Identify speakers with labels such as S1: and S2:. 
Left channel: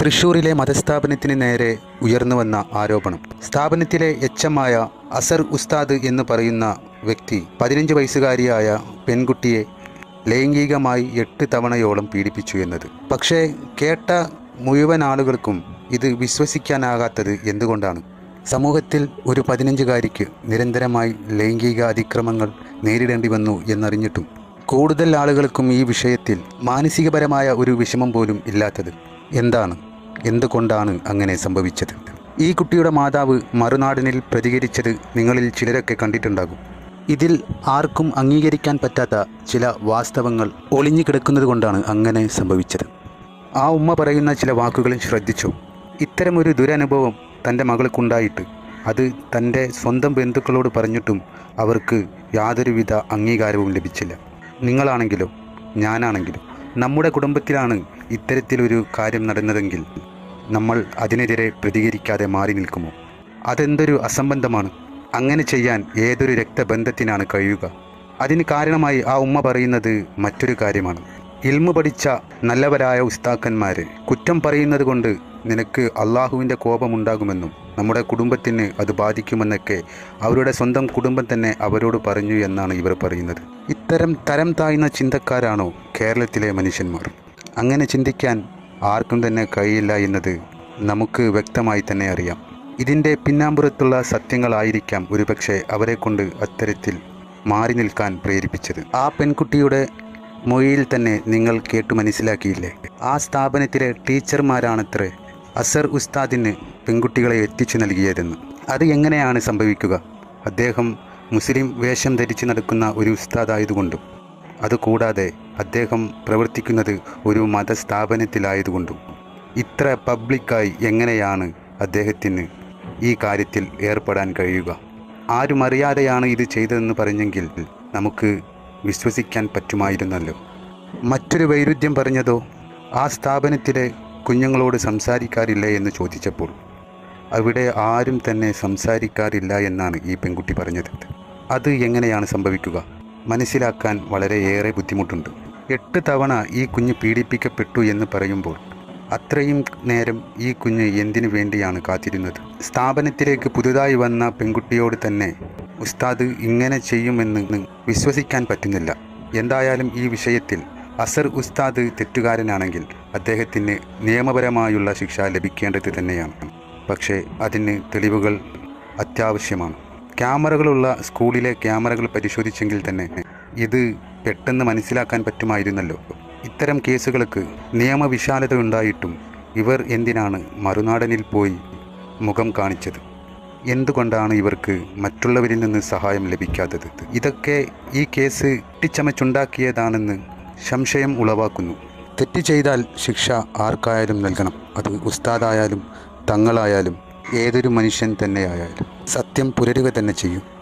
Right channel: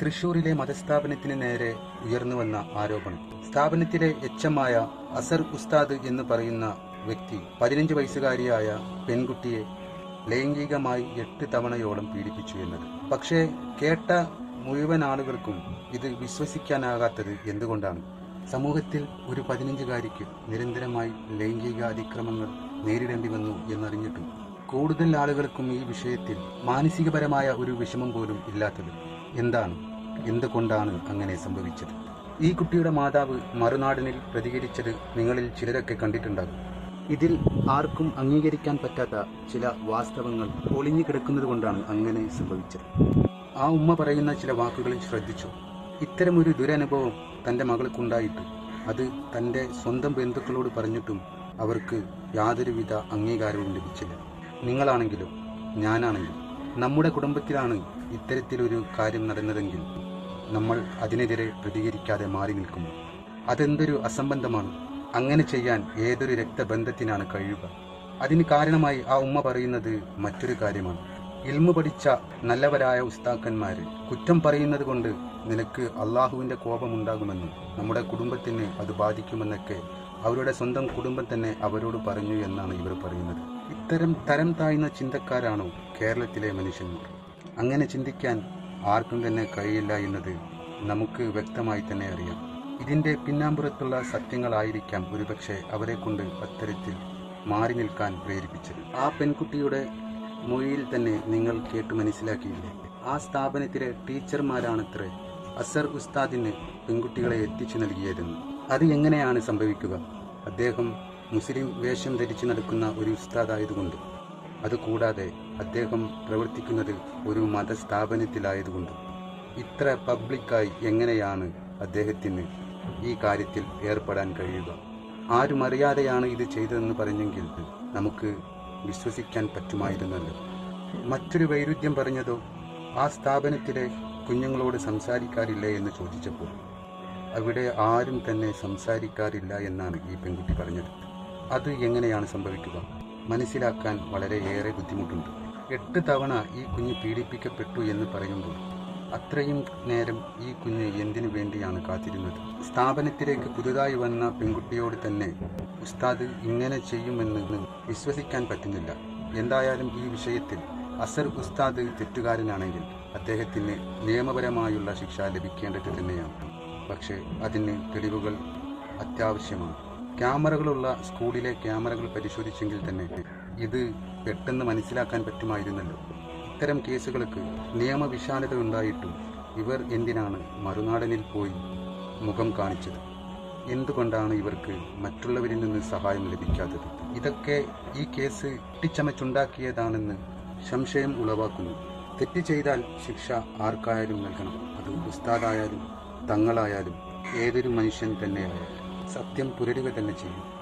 S1: തൃശൂരിലെ മതസ്ഥാപനത്തിന് നേരെ ഉയർന്നു വന്ന ആരോപണം. സ്ഥാപനത്തിലെ എച്ചമായ അസർ ഉസ്താദ് എന്ന് പറയുന്ന വ്യക്തി പതിനഞ്ച് വയസ്സുകാരിയായ പെൺകുട്ടിയെ ലൈംഗികമായി എട്ട് തവണയോളം പീഡിപ്പിച്ചു എന്നത്. പക്ഷേ കേട്ട മുഴുവൻ ആളുകൾക്കും ഇത് വിശ്വസിക്കാനാകാത്തത് എന്തുകൊണ്ടാണ്? സമൂഹത്തിൽ ഒരു പതിനഞ്ചുകാരിക്ക് നിരന്തരമായി ലൈംഗിക അതിക്രമങ്ങൾ നേരിടേണ്ടി വന്നു എന്നറിഞ്ഞിട്ടും കൂടുതൽ ആളുകൾക്കും ഈ വിഷയത്തിൽ മാനസികപരമായ ഒരു വിഷമം പോലും ഇല്ലാത്തത് എന്താണ്? എന്തുകൊണ്ടാണ് അങ്ങനെ സംഭവിച്ചത്? ഈ കുട്ടിയുടെ മാതാവ് മറുനാടിനിൽ പ്രതികരിച്ചത് നിങ്ങളിൽ ചിലരൊക്കെ കണ്ടിട്ടുണ്ടാകും. ഇതിൽ ആർക്കും അംഗീകരിക്കാൻ പറ്റാത്ത ചില വാസ്തവങ്ങൾ ഒളിഞ്ഞു കിടക്കുന്നത് കൊണ്ടാണ് അങ്ങനെ സംഭവിച്ചത്. ആ ഉമ്മ പറയുന്ന ചില വാക്കുകളും ശ്രദ്ധിച്ചു. ഇത്തരമൊരു ദുരനുഭവം തന്റെ മകൾക്കുണ്ടായിട്ട് അത് തന്റെ സ്വന്തം ബന്ധുക്കളോട് പറഞ്ഞിട്ടും അവർക്ക് യാതൊരുവിധ അംഗീകാരവും ലഭിച്ചില്ല. നിങ്ങളാണെങ്കിലോ ഞാനാണെങ്കിലും നമ്മുടെ കുടുംബത്തിലാണ് ഇത്തരത്തിലൊരു കാര്യം നടന്നതെങ്കിൽ നമ്മൾ അതിനെതിരെ പ്രതികരിക്കാതെ മാറി നിൽക്കുമോ? അതെന്തൊരു അസംബന്ധമാണ്? അങ്ങനെ ചെയ്യാൻ ഏതൊരു രക്തബന്ധത്തിനാണ് കഴിയുക? അതിന് കാരണമായി ആ ഉമ്മ പറയുന്നത് മറ്റൊരു കാര്യമാണ്. ഇൽമു പഠിച്ച നല്ലവരായ ഉസ്താക്കന്മാർ കുറ്റം പറയുന്നത് കൊണ്ട് നിനക്ക് അള്ളാഹുവിന്റെ കോപമുണ്ടാകുമെന്നും നമ്മുടെ കുടുംബത്തിന് അത് ബാധിക്കുമെന്നൊക്കെ അവരുടെ സ്വന്തം കുടുംബം തന്നെ അവരോട് പറഞ്ഞു എന്നാണ് ഇവർ പറയുന്നത്. ഇത്തരം തരം താഴ്ന്ന ചിന്തക്കാരാണോ കേരളത്തിലെ മനുഷ്യന്മാർ? അങ്ങനെ ചിന്തിക്കാൻ ആർക്കും തന്നെ കഴിയില്ല എന്നത് നമുക്ക് വ്യക്തമായി തന്നെ അറിയാം. ഇതിന്റെ പിന്നാമ്പുറത്തുള്ള സത്യങ്ങളായിരിക്കാം ഒരുപക്ഷെ അവരെക്കൊണ്ട് അത്തരത്തിൽ മാറി നിൽക്കാൻ പ്രേരിപ്പിച്ചത്. ആ പെൺകുട്ടിയുടെ മൊഴിയിൽ തന്നെ നിങ്ങൾ കേട്ടു മനസ്സിലാക്കിയില്ലേ? ആ സ്ഥാപനത്തിലെ ടീച്ചർമാരാണത്രേ അസർ ഉസ്താദിന് പെൺകുട്ടികളെ എത്തിച്ചു നൽകിയതെന്ന്. അത് എങ്ങനെയാണ് സംഭവിക്കുക? അദ്ദേഹം മുസ്ലിം വേഷം ധരിച്ച് നടക്കുന്ന ഒരു ഉസ്താദായതുകൊണ്ടും അതുകൂടാതെ അദ്ദേഹം പ്രവർത്തിക്കുന്നത് ഒരു മതസ്ഥാപനത്തിലായതുകൊണ്ടും. ഇത്ര പബ്ലിക്കായി എങ്ങനെയാണ് അദ്ദേഹത്തിന് ഈ കാര്യത്തിൽ ഏർപ്പെടാൻ കഴിയുക? ആരും അറിയാതെയാണ് ഇത് ചെയ്തതെന്ന് പറഞ്ഞെങ്കിൽ നമുക്ക് വിശ്വസിക്കാൻ പറ്റുമായിരുന്നല്ലോ. മറ്റൊരു വൈരുദ്ധ്യം പറഞ്ഞതോ ആ സ്ഥാപനത്തിലെ കുഞ്ഞുങ്ങളോട് സംസാരിക്കാറില്ല എന്ന് ചോദിച്ചപ്പോൾ അവിടെ ആരും തന്നെ സംസാരിക്കാറില്ല എന്നാണ് ഈ പെൺകുട്ടി പറഞ്ഞത്. അത് എങ്ങനെയാണ് സംഭവിക്കുക? മനസ്സിലാക്കാൻ വളരെയേറെ ബുദ്ധിമുട്ടുണ്ട്. എട്ട് തവണ ഈ കുഞ്ഞ് പീഡിപ്പിക്കപ്പെട്ടു എന്ന് പറയുമ്പോൾ അത്രയും നേരം ഈ കുഞ്ഞ് എന്തിനു വേണ്ടിയാണ് കാത്തിരുന്നത്? സ്ഥാപനത്തിലേക്ക് പുതുതായി വന്ന പെൺകുട്ടിയോട് തന്നെ ഉസ്താദ് ഇങ്ങനെ ചെയ്യുമെന്ന് വിശ്വസിക്കാൻ പറ്റുന്നില്ല. എന്തായാലും ഈ വിഷയത്തിൽ അസർ ഉസ്താദ് തെറ്റുകാരനാണെങ്കിൽ അദ്ദേഹത്തിന് നിയമപരമായുള്ള ശിക്ഷ ലഭിക്കേണ്ടത് തന്നെയാണ്. പക്ഷേ അതിന് തെളിവുകൾ അത്യാവശ്യമാണ്. ക്യാമറകളുള്ള സ്കൂളിലെ ക്യാമറകൾ പരിശോധിച്ചെങ്കിൽ തന്നെ ഇത് പെട്ടെന്ന് മനസ്സിലാക്കാൻ പറ്റുമായിരുന്നല്ലോ. ഇത്തരം കേസുകൾക്ക് നിയമവിശാലത ഉണ്ടായിട്ടും ഇവർ എന്തിനാണ് മറുനാടനിൽ പോയി മുഖം കാണിച്ചത്? എന്തുകൊണ്ടാണ് ഇവർക്ക് മറ്റുള്ളവരിൽ നിന്ന് സഹായം ലഭിക്കാത്തത്? ഇതൊക്കെ ഈ കേസ് ഇട്ടിച്ചമച്ചുണ്ടാക്കിയതാണെന്ന് സംശയം ഉളവാക്കുന്നു. തെറ്റ് ചെയ്താൽ ശിക്ഷ ആർക്കായാലും നൽകണം. അത് ഉസ്താദായാലും തങ്ങളായാലും ഏതൊരു മനുഷ്യൻ തന്നെയായാലും. സത്യം പുലരുക തന്നെ ചെയ്യും.